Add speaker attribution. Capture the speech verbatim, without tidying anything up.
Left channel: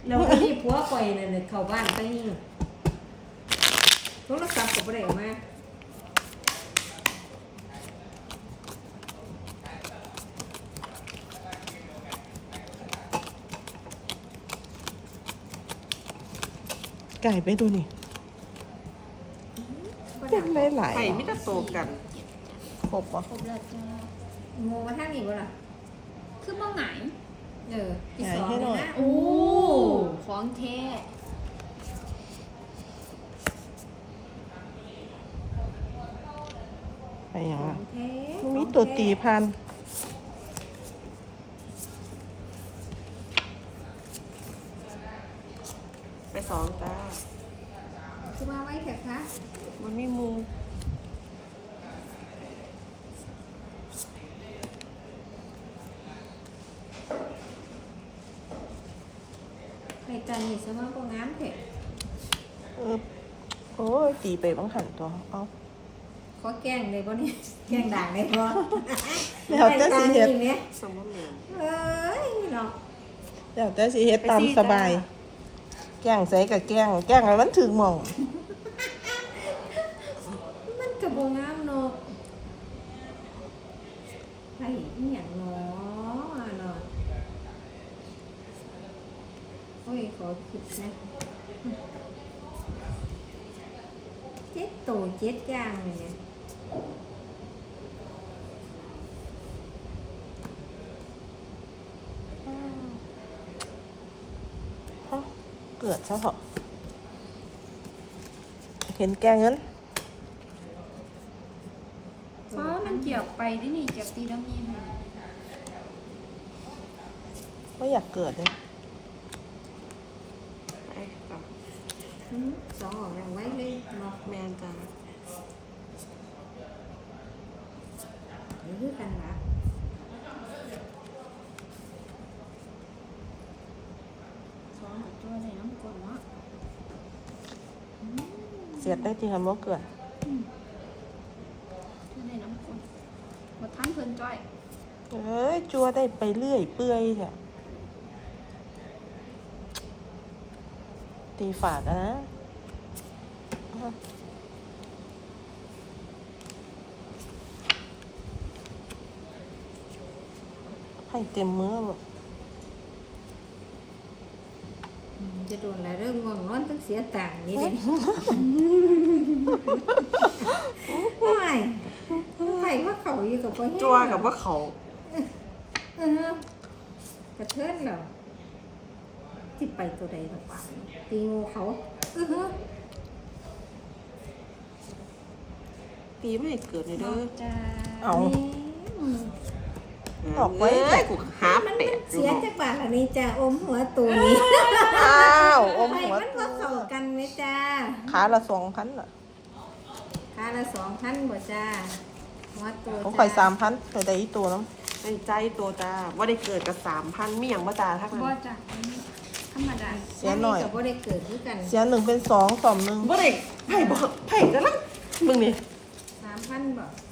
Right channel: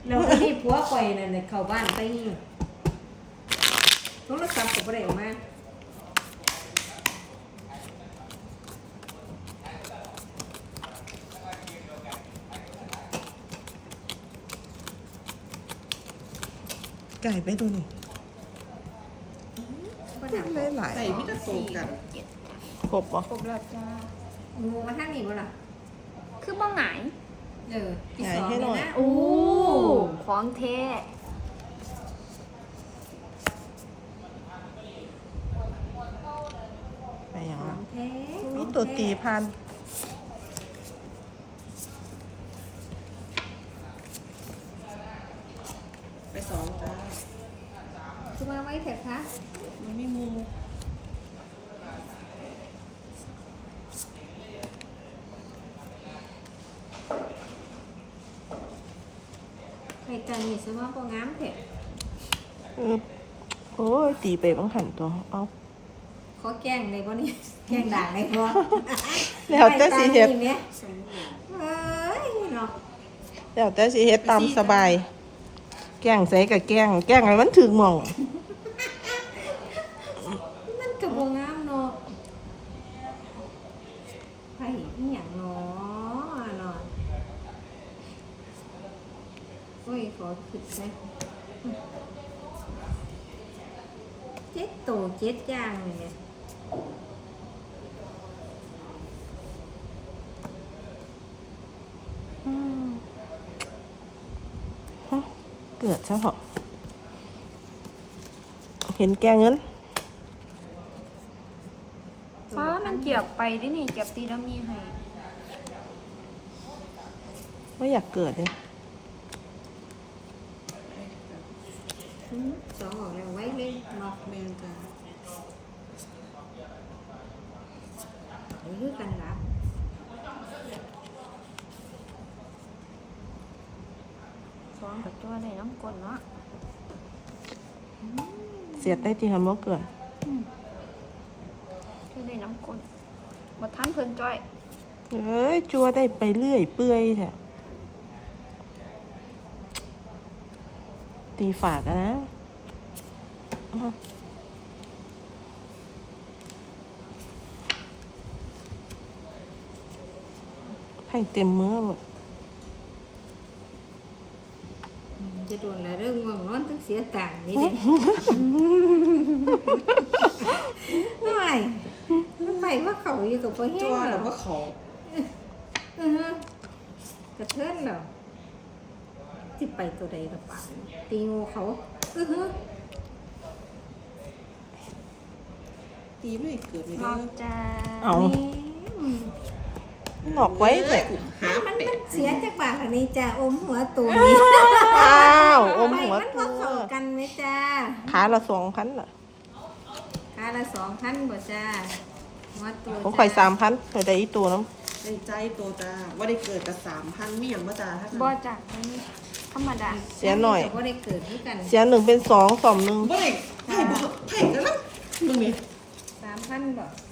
Speaker 1: เราที่ผัวคอยนั่นเนี่ยเข้าบ้านไปนี่โทรศัพท์ก็บ่ได้ออกมา
Speaker 2: ไก่ไปดูนี่ได้หลาย
Speaker 3: ไข่ไม่ได้โตกัน
Speaker 2: ครบปะ
Speaker 1: ครบแล้วจ้าโมมาทางนี้บ่ล่ะ
Speaker 4: คือบ้องไหน
Speaker 1: เออที่
Speaker 2: ใหญ่
Speaker 1: สอง
Speaker 2: ให้หน่อย
Speaker 1: นะ
Speaker 4: โอ้ของเท
Speaker 2: ไปอย่าง
Speaker 1: ขอ
Speaker 2: ละ
Speaker 1: งแท้
Speaker 2: มีตัวตีพัน
Speaker 3: ไปสองจ้า
Speaker 1: คือมาไว้เถอะคะ
Speaker 3: มันไม่มู
Speaker 1: ใครจันนี่สมองก็งามเถอะ
Speaker 2: อืมโอ้ยตีไปบ้างหันตัวเอา
Speaker 1: ขอแกล้งเลยบ่นี่แกล้งด่างเลยบ่
Speaker 2: แล้วแต่สิเฮ็ด
Speaker 1: ไปตามนี่แหม
Speaker 3: สมมติ
Speaker 1: เอ้ยเนาะ
Speaker 2: แล้วแต่สิเฮ็ดตามสบาย แกล้งใส่กับแกล้งแกล้งให้มันถึงหม่อง
Speaker 1: มันก็บ่งามเนาะไผอีหยังเนาะเนาะโอ้ยขอคิดนะเจ็ดโตเจ็ดอย่างเลยเนี่ย
Speaker 2: เปิดซะเหรอเห็นแกงเงิน
Speaker 4: ฟ้ามันเกียบไปได้นี่เกียบตีแล้วมีให้
Speaker 2: ไม่อยากเกิดเลย
Speaker 3: ไปกับ
Speaker 1: อืมสองออกแล้วไว้เลยเนาะ
Speaker 3: แมนจ้า
Speaker 1: หรือคือกันล่ะ
Speaker 4: ซ้อนกับตัวในน้ำกลเนาะ
Speaker 2: เสียดได้ที่ทำบ่เกิด
Speaker 4: ตัวในน้ำกลมาทันเพิ่นจ้อย
Speaker 2: เอ้ยจัวได้ไปเรื่อยเปื่อยแท้ตีฝาดนะให้เต็มมือหมด
Speaker 1: อืมจะโดนอะไรเรื่องง่วงนอนต้องเสียตังค์นี่เด็ไม่ไปว่าเขาอยู่กับพ่อแห้ง
Speaker 3: จัวกับว่าเขา
Speaker 1: เออกระเทือนเหรอที่ไปตัวใดกับป่าตีงูเขาเออ
Speaker 3: ตีไม่ให้เกิดเลย
Speaker 4: น
Speaker 3: เด้
Speaker 4: อ
Speaker 3: อก
Speaker 4: จ้า
Speaker 2: เอา
Speaker 1: นี่
Speaker 2: ออกไว้แต่
Speaker 3: กูหา
Speaker 1: มัน
Speaker 3: เป็
Speaker 1: มั
Speaker 3: ด
Speaker 1: นเสียจากบาทอันนี้จ้าอมหัวตูนี้
Speaker 2: อ้าวอม
Speaker 1: ไป
Speaker 2: หัว
Speaker 1: มันว่าเข้ากันไหมจ้า
Speaker 2: ขาละสองพันเหรอ
Speaker 1: ค่าละสองพันบ่จ้าหัวตู
Speaker 2: ผม
Speaker 1: จ้า
Speaker 2: ข่อยสามพันข่อยได้อีกตัวแล้ว
Speaker 3: ในใจตัวจ้าว่าได้เกิดกับสามพันมีอย่างว่าจ้าทัก
Speaker 4: บ่
Speaker 3: นั้น
Speaker 4: จ้ะธรรมดา
Speaker 2: เสียหน่อย
Speaker 1: แต่บ่ได้เกิดด้วยกัน
Speaker 2: เสียหนึ่งเป็นสองสองหนึ่ง
Speaker 3: ว่าได้ไผ่บอกไผ่กันละมึงนี่
Speaker 1: สามพันบ่
Speaker 2: ส